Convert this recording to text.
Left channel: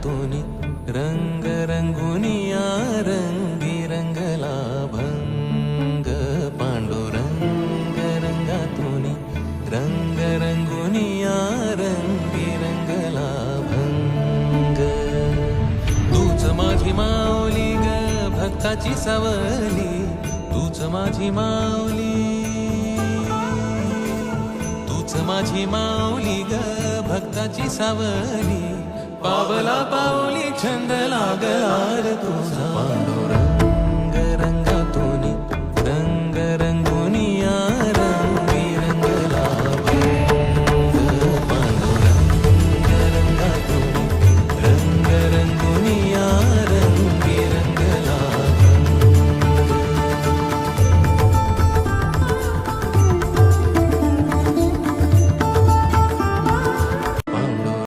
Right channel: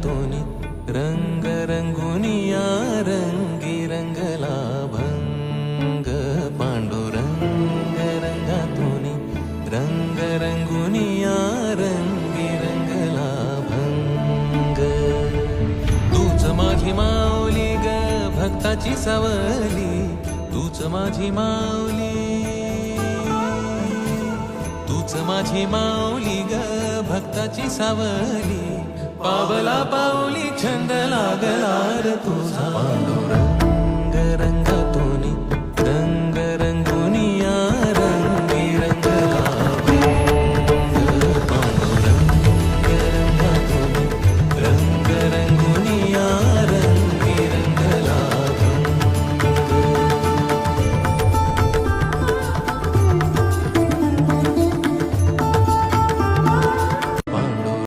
रंगातूनी रंग रंगुनिया रंगी रंगला भंग पांडुरंग रंगातूनी रंग रंगुनिया रंगी रंगला भंग तूच माझी माऊली ग भक्ताची सावली तूच माझी माऊली तूच माझी माऊली ग भक्ताची सावली पावला पाऊली छंद लागला रे तुझा पांडुरंग रंगातूनी रंग रंगुनिया